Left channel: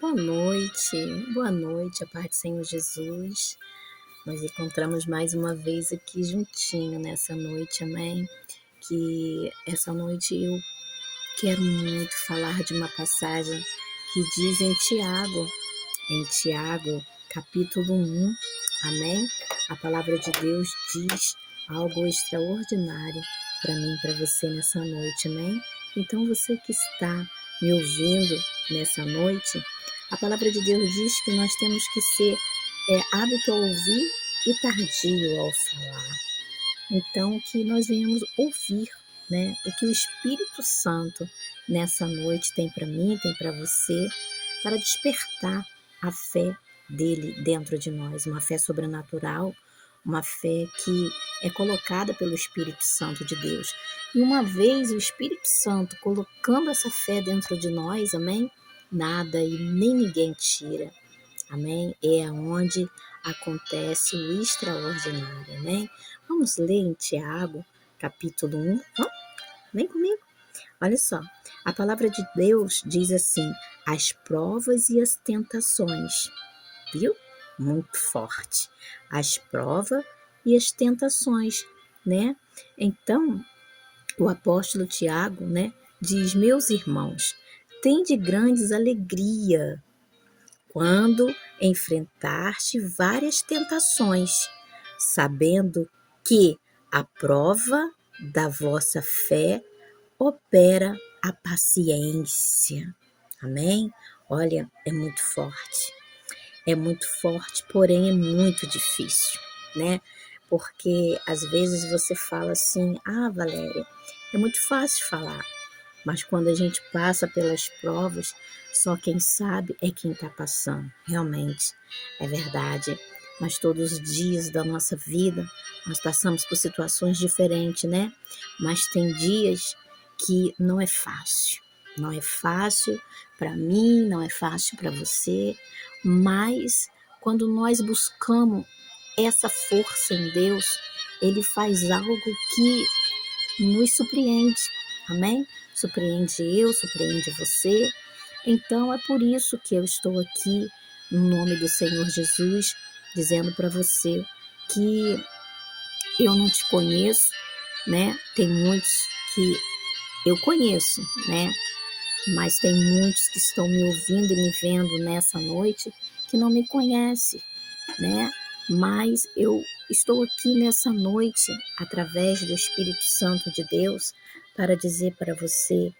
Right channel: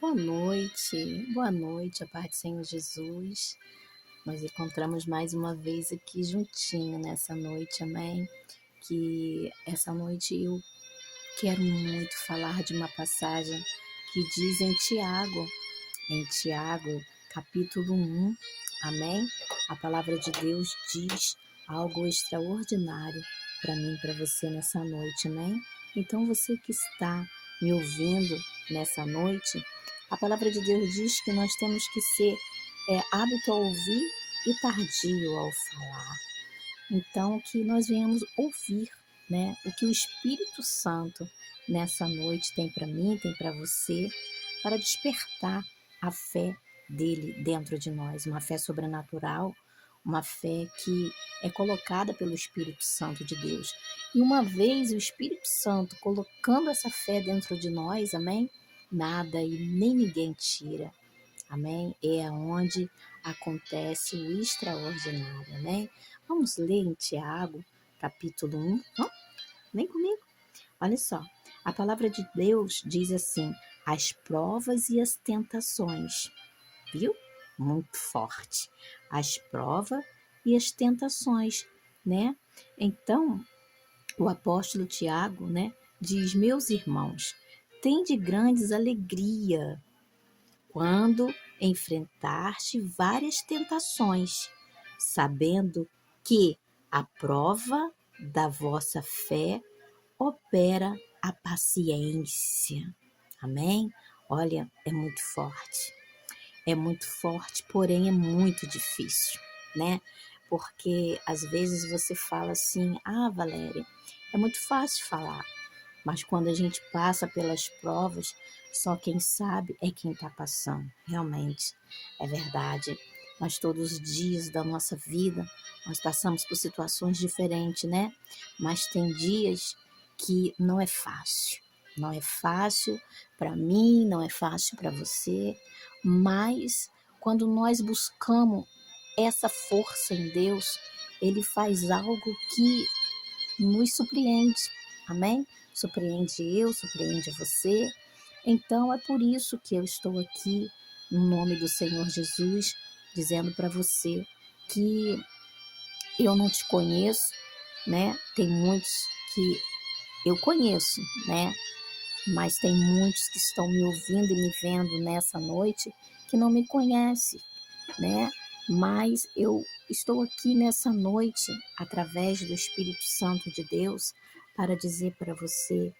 Boa noite, a paz do Senhor Jesus. Nós encontramos mais uma vez aqui juntinho nessa noite, amém? Que essa noite eu quero muito falar de uma passagem que diz em Tiago, capítulo 1, amém? A palavra de Deus diz algo extraordinário para mim e para você nessa noite, amém? Então você que está me ouvindo nessa noite, a palavra de Deus diz que nós temos que ser hábito ao ouvir e tardio ao falar. Então, que nós venhamos ouvir, né, o que o Espírito Santo nessa noite tem para mim, tem para você, para despertar a fé dele dentro de nós, uma fé sobrenatural, uma fé que é colocada pelo Espírito Santo de Deus. E uma vez o Espírito Santo colocando essa fé dentro de nós, amém? Nada e nem ninguém tira. Amém? É onde acontece o extraordinário, amém? Vamos ler em Tiago, capítulo 1. Vem comigo. Olha só, a palavra de Deus diz assim: as provas e as tentações, viu? Muito forte. As provas e as tentações, né? Então, o apóstolo Tiago, né, diz: meus irmãos, tende grandes alegria quando enfrentaste várias tentações, sabendo que a prova da vossa fé opera a paciência. Amém? Olha, é muito forte, porém é muito difícil, né? Porque às vezes você fala assim: ah, Valéria, é muito fácil falar. Mas quando a gente passa pelas provas, só quem sabe é quem está passando. Realmente, é verdade. Mas todos os dias da nossa vida, nós passamos por situações diferentes, né? Mas tem dias que não é fácil. Não é fácil para mim, não é fácil para você. Mas quando nós buscamos essa força em Deus, Ele faz algo que nos surpreende, amém? Surpreende eu, surpreende você. Então é por isso que eu estou aqui, no nome do Senhor Jesus, dizendo para você que eu não te conheço, né? Tem muitos que eu conheço, né? Mas tem muitos que estão me ouvindo e me vendo nessa noite que não me conhecem, né? Mas eu estou aqui nessa noite, através do Espírito Santo de Deus, para dizer para você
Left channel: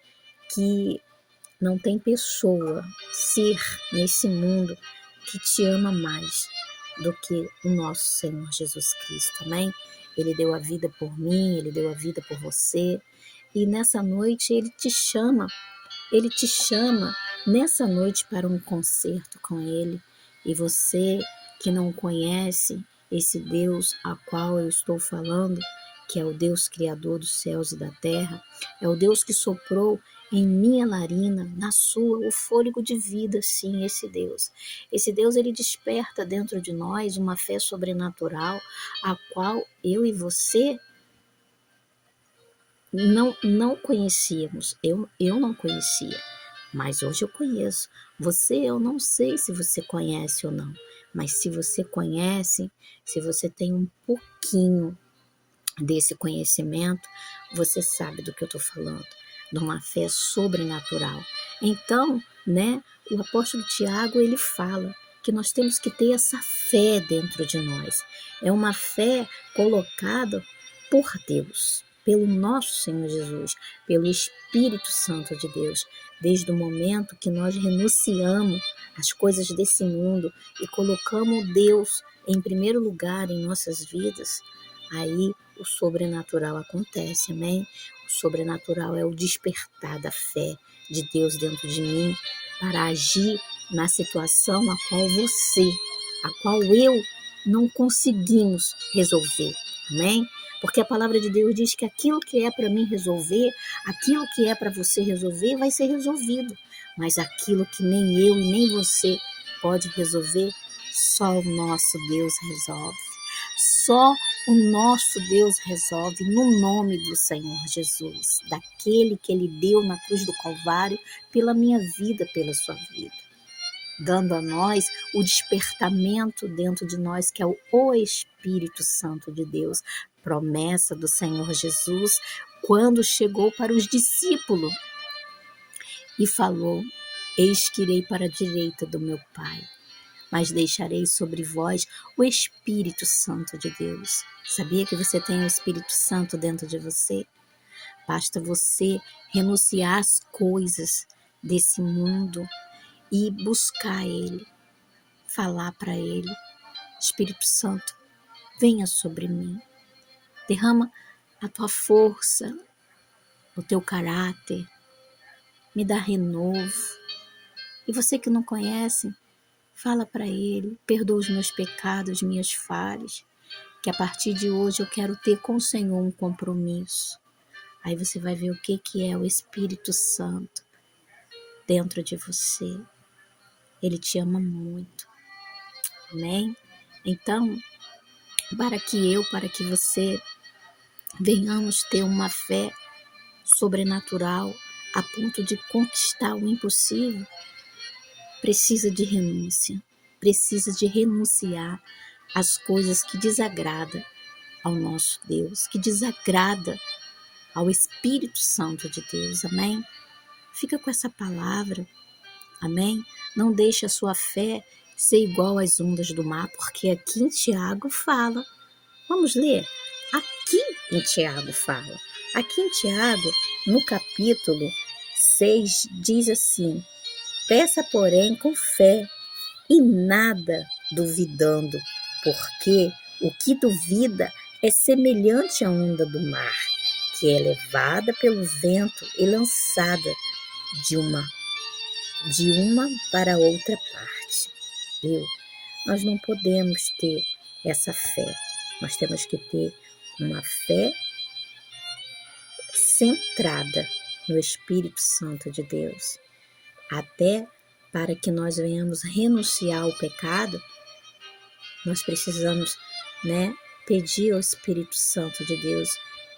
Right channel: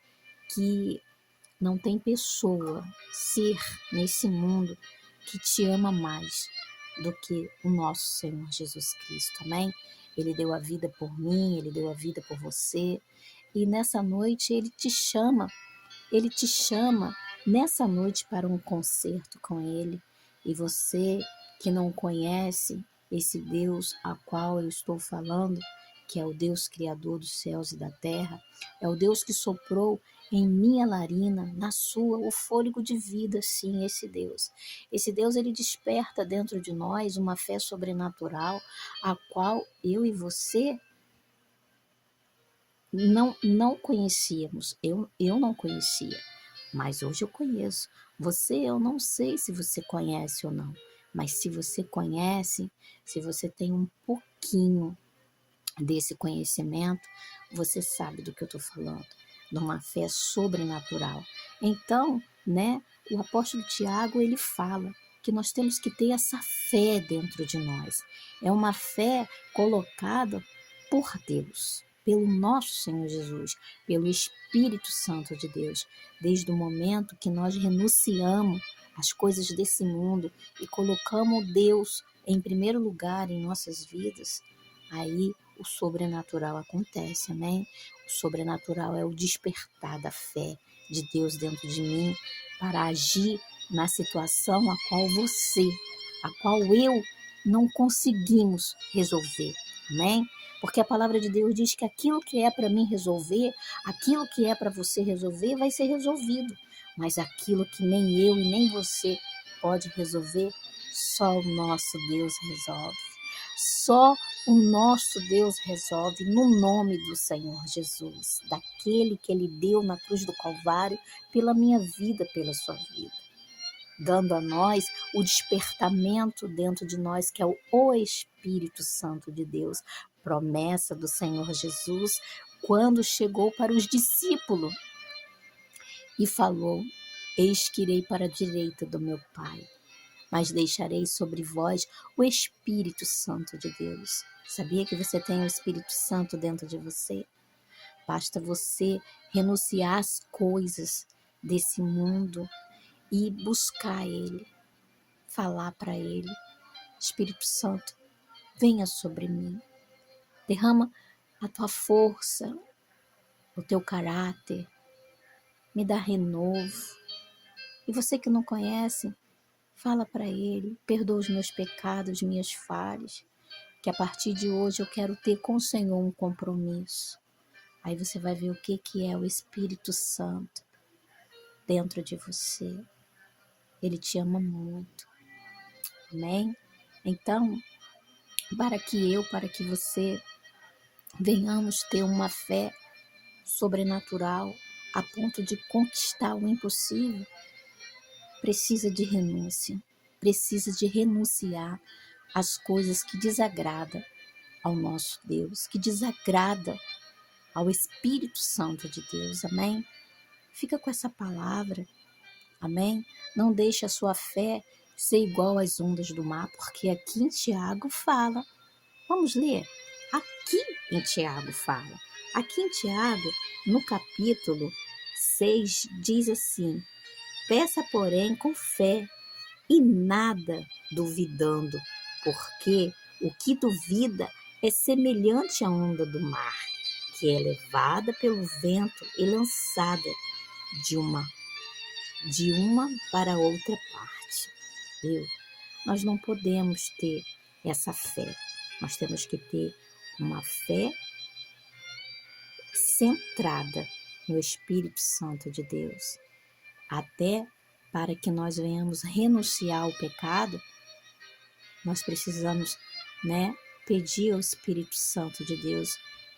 que não tem pessoa, ser nesse mundo que te ama mais do que o nosso Senhor Jesus Cristo, amém? Ele deu a vida por mim, ele deu a vida por você, e nessa noite ele te chama nessa noite para um concerto com ele. E você que não conhece esse Deus a qual eu estou falando, que é o Deus criador dos céus e da terra, é o Deus que soprou em minha narina, na sua, o fôlego de vida, sim, esse Deus. Esse Deus, ele desperta dentro de nós uma fé sobrenatural, a qual eu e você não conhecíamos. Eu não conhecia, mas hoje eu conheço. Você, eu não sei se você conhece ou não, mas se você conhece, se você tem um pouquinho desse conhecimento, você sabe do que eu estou falando, de uma fé sobrenatural. Então, né, o apóstolo Tiago, ele fala que nós temos que ter essa fé dentro de nós. É uma fé colocada por Deus, pelo nosso Senhor Jesus, pelo Espírito Santo de Deus. Desde o momento que nós renunciamos às coisas desse mundo e colocamos Deus em primeiro lugar em nossas vidas, aí o sobrenatural acontece, amém? O sobrenatural é o despertar da fé de Deus dentro de mim para agir na situação a qual eu não conseguimos resolver, amém? Porque a palavra de Deus diz que aquilo que é para mim resolver, aquilo que é para você resolver, vai ser resolvido. Mas aquilo que nem eu e nem você pode resolver, só o nosso Deus resolve. Só o nosso Deus resolve no nome do Senhor Jesus, daquele que Ele deu na cruz do Calvário pela minha vida, pela sua vida. dando a nós o despertamento dentro de nós, que é o Espírito Santo de Deus, promessa do Senhor Jesus, quando chegou para os discípulos e falou: Eis que irei para a direita do meu Pai, mas deixarei sobre vós o Espírito Santo de Deus. Sabia que você tem o Espírito Santo dentro de você? Basta você renunciar às coisas desse mundo e buscar Ele, falar para Ele: Espírito Santo, venha sobre mim, derrama a tua força, o teu caráter, me dá renovo. E você que não conhece, fala para Ele: perdoa os meus pecados, minhas falhas, que a partir de hoje eu quero ter com o Senhor um compromisso. Aí você vai ver o que é o Espírito Santo dentro de você. Ele te ama muito. Amém? Então, para que você venhamos ter uma fé sobrenatural a ponto de conquistar o impossível, precisa de renúncia. Precisa de renunciar às coisas que desagradam ao nosso Deus, que desagrada ao Espírito Santo de Deus. Amém? Fica com essa palavra. Amém? Não deixe a sua fé ser igual às ondas do mar, porque aqui em Tiago fala. Vamos ler? Aqui em Tiago fala. Aqui em Tiago, no capítulo 6, diz assim: peça, porém, com fé e nada duvidando, porque o que duvida é semelhante à onda do mar, que é levada pelo vento e lançada de uma para outra parte. Viu? Nós não podemos ter essa fé. Nós temos que ter uma fé centrada no Espírito Santo de Deus. Até para que nós venhamos renunciar ao pecado, nós precisamos, pedir ao Espírito Santo de Deus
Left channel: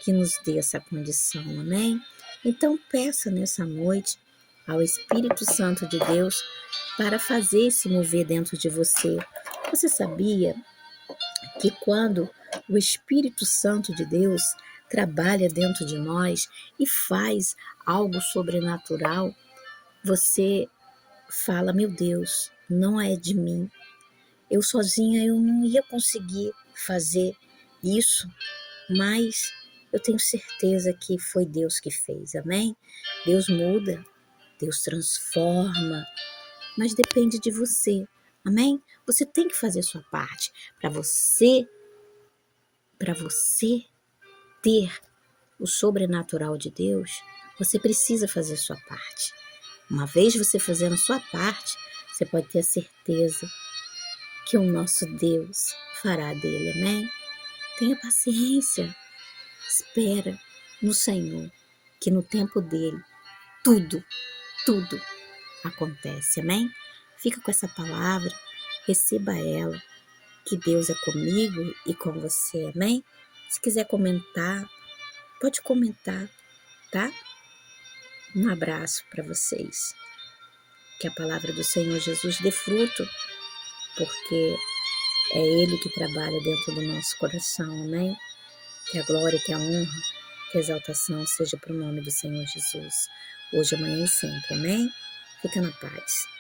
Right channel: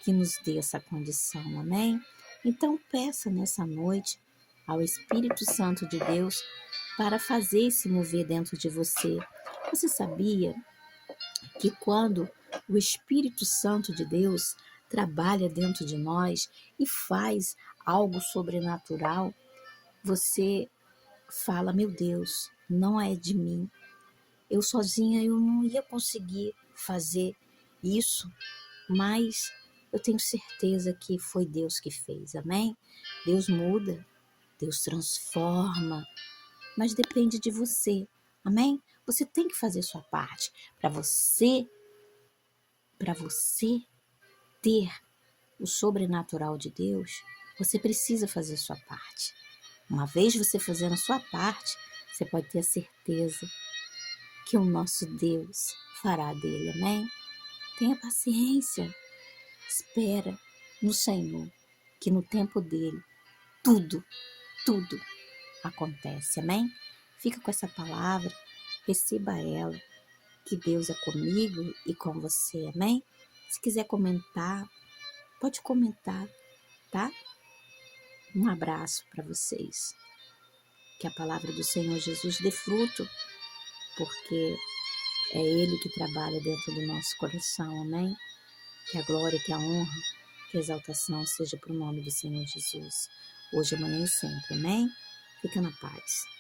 que nos dê essa condição, amém? Então peça nessa noite ao Espírito Santo de Deus para fazer se mover dentro de você. Você sabia que quando o Espírito Santo de Deus trabalha dentro de nós e faz algo sobrenatural, você fala: meu Deus, não é de mim. Eu sozinha eu não ia conseguir fazer isso, mas eu tenho certeza que foi Deus que fez, amém? Deus muda, Deus transforma, mas depende de você, amém? Você tem que fazer sua parte para você ter o sobrenatural de Deus. Você precisa fazer sua parte. Uma vez você fazendo a sua parte, você pode ter a certeza que o nosso Deus fará dele, amém? Tenha paciência, espera no Senhor, que no tempo dele tudo acontece, amém? Fica com essa palavra, receba ela, que Deus é comigo e com você, amém? Se quiser comentar, pode comentar, tá? Um abraço para vocês. Que a palavra do Senhor Jesus dê fruto, porque é Ele que trabalha dentro do nosso coração, amém? Que a glória, que a honra, que a exaltação seja para o nome do Senhor Jesus, hoje, amanhã e sempre, amém? Fica na paz.